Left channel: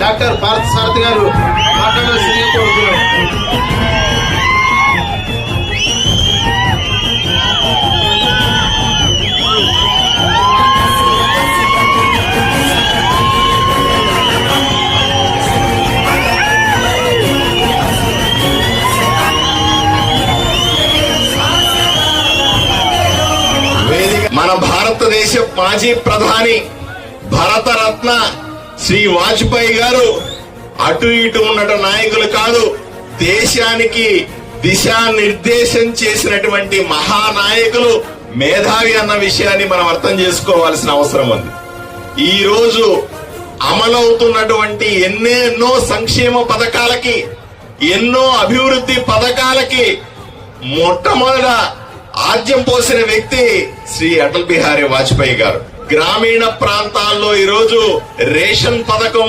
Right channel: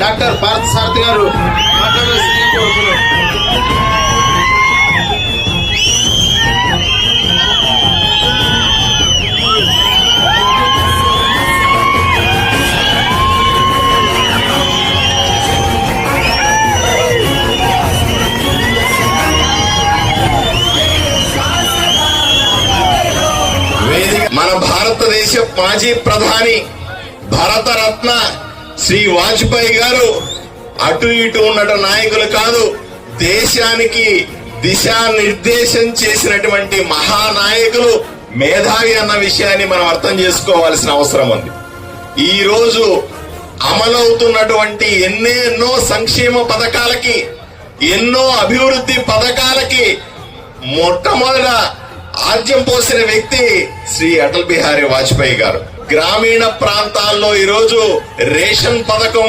Doctor భారత సారథి గారు కోరుతున్నాం వేదిక మన భారతదేశ మాజీ ప్రధాని భారతరత్న శ్రీ వాజ్పేయి గారు అటు ఇటు ఉన్నట నాయకులు కాదు దేశానికి దిశానిర్దేశం చేసినటువంటి మహానాయకులు మేధావి అన్న విషయాన్ని మనం అర్థం చేసుకోవాల్సిన అవసరం ఉంది. ఈ రోజు అమలవుతున్నటువంటి ఎన్నెన్నో సంక్షేమ పథకాలకి ఎన్నో అభివృద్ధి పథకాలకి మొట్టమొదట రాజ్యం పోసిన వ్యక్తి శ్రీ అటల్ బిహారీ వాజ్పేయి గారు. గ్రామీణ ప్రాంతాల్లో ఈరోజు రేషన్ పథకం